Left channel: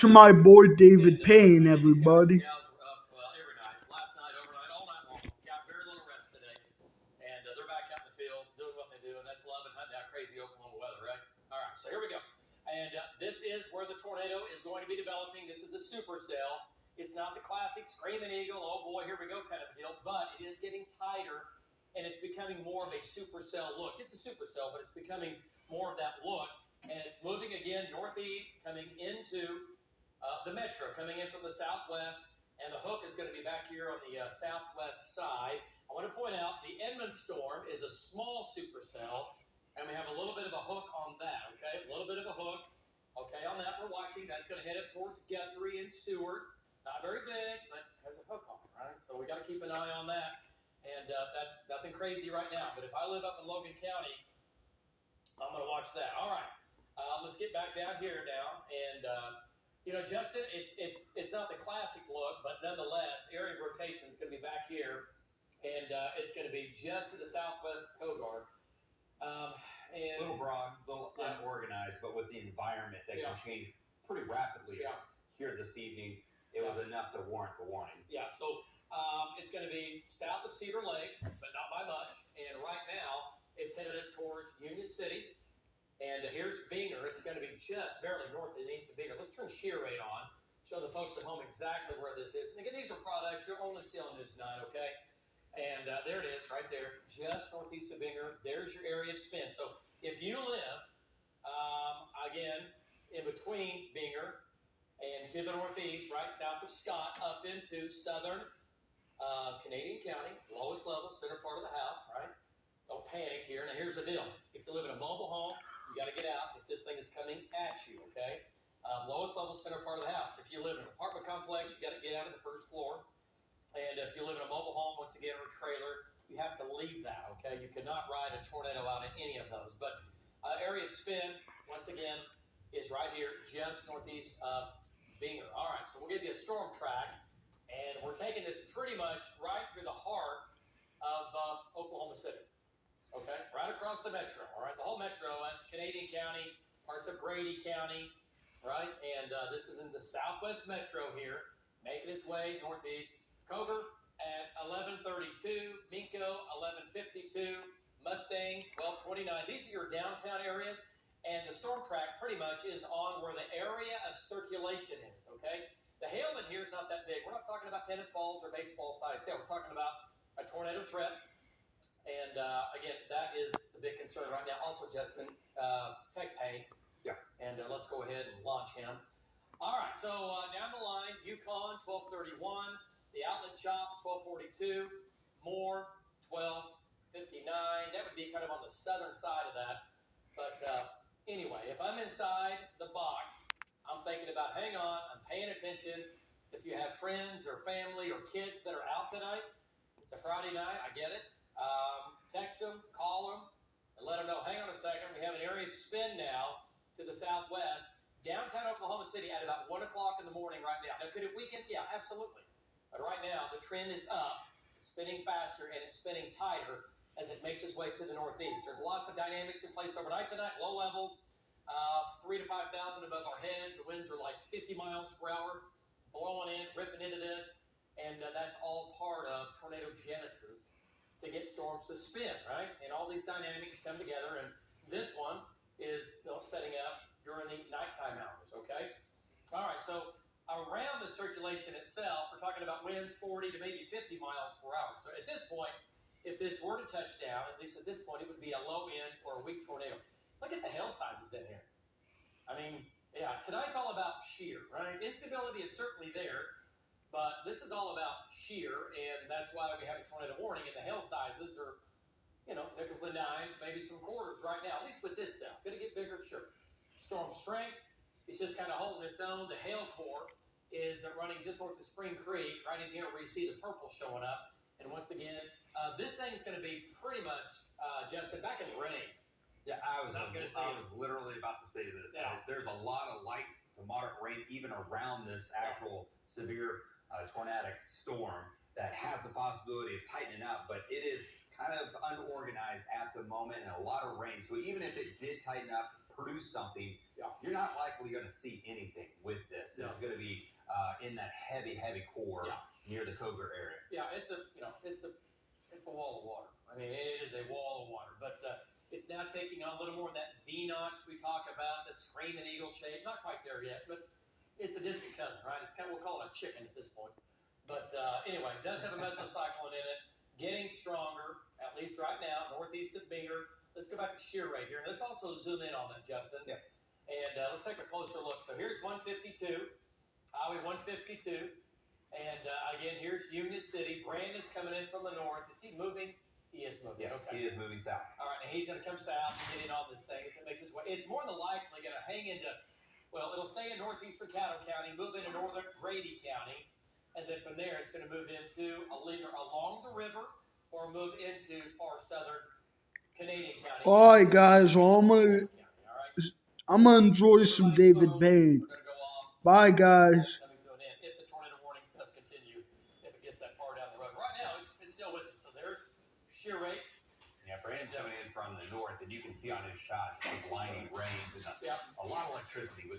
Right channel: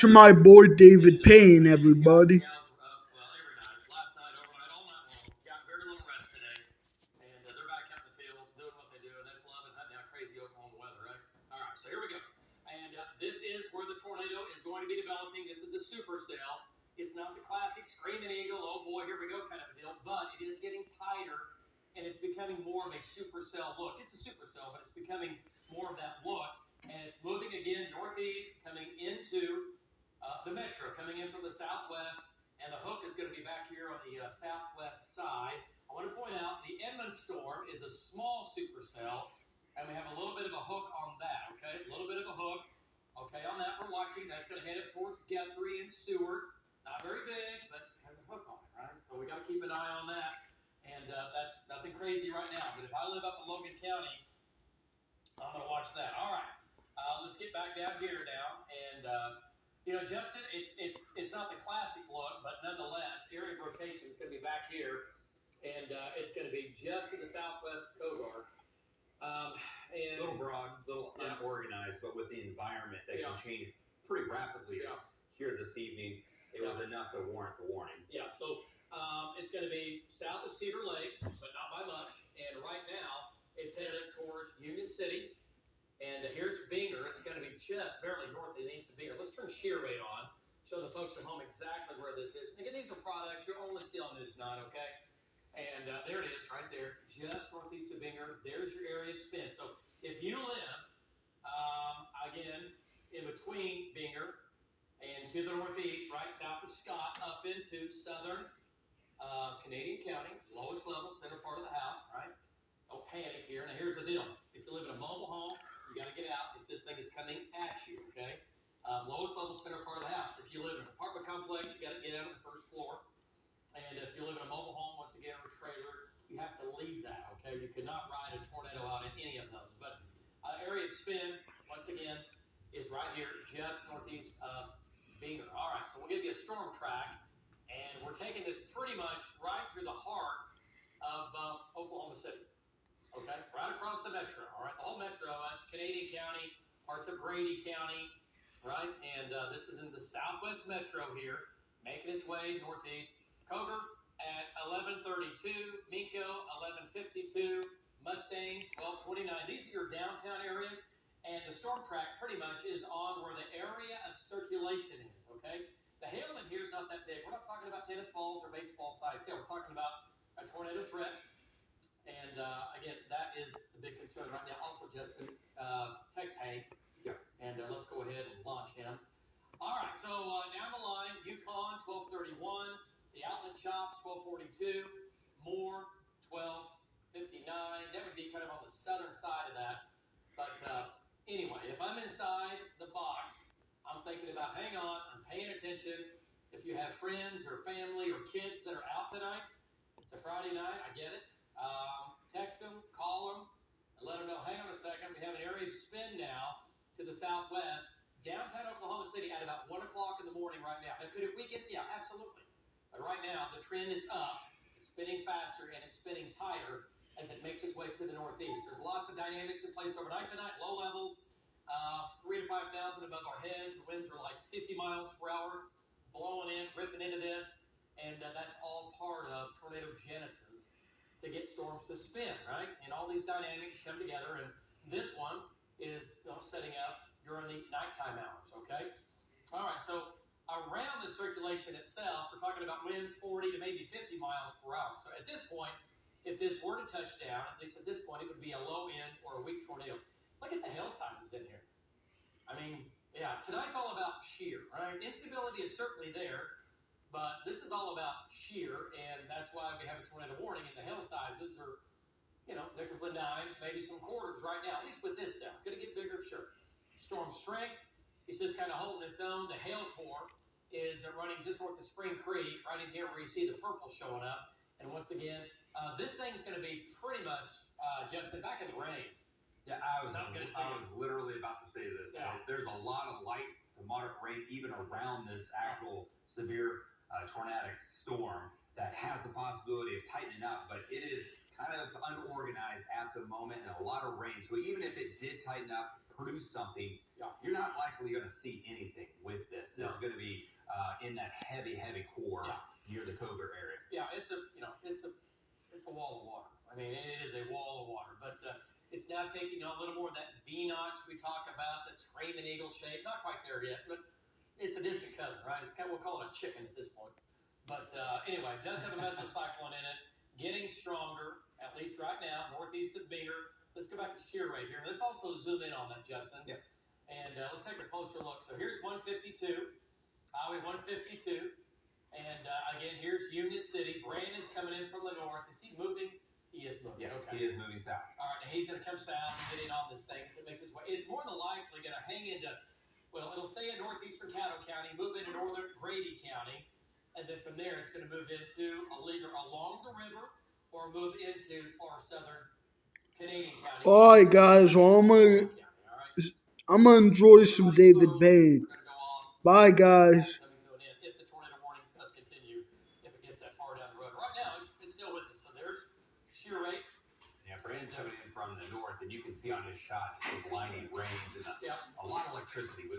To my boy David Payne, everybody. Well, every night, last night, overnight, all night long. Got very little rest today, and they're back out in the field doing what they do, and that's loving hunting out crazy Oklahoma weather, right? All right, so here we go, and this is where the tornado is going to be developing. This is a supercell. It's not the classic screaming eagle, oh boy, here we go kind of a deal, but it is getting tighter, and it's becoming more of a supercell look. It's a supercell, but it's becoming more of that look, and it's moving again northeast, coming into the metro coming in from the southwest, and the hook is going to be back here on the southwest side. I want to point out the Edmund storm is a small supercell, and we have a little bit of a hook on that, okay? A little bit of a hook, okay, on that we're watching. That's going to head up towards Guthrie and Seward. Not very big, but has a hook on it, right? So we got to keep an eye on that, and that's nothing crazy right now. But if I live up in Logan County, I'm going to watch that. All right, let's get back down here now, and Justin, it's not the classic look, but nonetheless, the area of rotation is going to be back here, and it's going to be just to the southwest of Kogar. A little broad, a little unorganized, but with the environment that can change pretty rapidly here this evening, it was enough to warrant the warning. Yeah, so it's going to be south of Cedar Lake, but not by much. And right now, it's headed up towards Union City. And here's Binger. It's going to be just barely north and east of Binger. Let's turn shear rate on, show the folks at home exactly where this is. And again, these are products you'll only see on News 9, okay? And there it is right there, just northeast of Binger. There's your area of spin. So if you live, again, in between Binger and to the northeast, right south of Scott, up into southern Canadian County, lowest level, center part of the house, right? Don't panic here. Now, here's the deal. If you live in a mobile home, you got to get out if this thing is coming at you, okay? Lowest level, center part of the house. If you live in an apartment complex, you got to get out of the first floor. And if you live in a mobile home, once again, or a trailer, you have to leave that, okay? You cannot ride a tornado out in any of those. But area of spin, once again, is right here, just northeast of Binger. All right, so we'll give you a storm track, and we're taking this pretty much right through the heart of Oklahoma City. Okay, right across the metro. All right, the whole metro. That's Canadian County, parts of Grady County, right? And this is in the southwest metro here, making its way northeast. Cogar at 11:32, Minko 11:52, Mustang 12:29. These are your downtown areas, and the storm track pretty much is on where the area of circulation is. Okay, the hail in here is not that big. We're not talking about tennis balls or baseball size hail. We're talking about a tornado threat. And again, that is the big concern right now. Also, Justin, text Hank. Yeah. And let's go ahead and launch him. All right. So down the line, Yukon 1231, the Outlet Shops 1242, Moore 1259. That would be kind of on the southern side of that. But anyway, if I'm inside the box, I'm thinking about, hang on, I'm paying attention. If you have friends or family or kids that are out tonight, it's a Friday night. I get it. Text them, call them, and let them know, hang on a second, we have an area of spin now to the southwest, downtown Oklahoma City at about 1 o'clock in the morning right now. Now, could it weaken? Yeah, absolutely. But right now, the trend is up, it's spinning faster, and it's spinning tighter as it makes its way to the northeast. There's lots of dynamics in place overnight tonight, low levels, 3 to 5,000 above our heads. The winds are like 50 miles per hour, blowing in, ripping into this, and that's all part of tornado genesis to get storms to spin, right? And all these dynamics come together, and this one is setting up during the nighttime hours, okay? All right, so around the circulation itself, we're talking about winds 40 to maybe 50 miles per hour. So at this point, if this were to touch down, at least at this point, it would be a low end or a weak tornado. Look at the hail sizes in here. I mean, yeah, tonight's all about shear, right? Instability is certainly there, but this is all about shear, and that's why we have a tornado warning, and the hail sizes are, nickels and dimes, maybe some quarters right now, at least with this cell. Could it get bigger? Sure. Storm strength is just kind of holding its own. The hail core is running just north of Spring Creek, right in here where you see the purple showing up. And once again, this thing's going to be pretty much, Justin, back in the rain. Yeah, I was literally about to say this. Yeah. There's a lot of light to moderate rain even around this actual severe tornadic storm that has the possibility of tightening up, but it is kind of unorganized at the moment and a lot of rain. So even if it did tighten up, produce something, you're not likely going to see anything with this. No. that heavy core near the Cogar area. Yeah, it's a wall of water. I mean, it is a wall of water, but it's now taking on a little more of that V notch we talk about, the screaming eagle shape. Not quite there yet, but it's a distant cousin, right? It's kind of, we'll call it a chicken at this point. But anyway, it does have a mesocyclone in it, getting stronger, at least right now, northeast of Binger. Let's go back to shear rate here. And let's also zoom in on that, Justin. Yep. And let's take a closer look. So here's 152, Highway 152. And again, here's Union City. Brandon's coming in from the north. Is he moving? He is moving. Yes, okay. He is moving south. All right, and he's going to come south and get in on this thing. So it makes its way. It's more than likely going to hang into, well, it'll stay in northeastern Caddo County, move into northern Grady County, and then from there it's going to move into either along the river or move into far southern Canadian County. All right, guys. Well, I'm gonna enjoy some David Payne. Bye, guys. Coming to an end if the tornado warning does continue, if it gets that far down the road. Right now, it's still with us. So there's shear rate. Yeah, Brandon's coming in from the north, and you can see on his shot the blinding rains and a lot of electricity with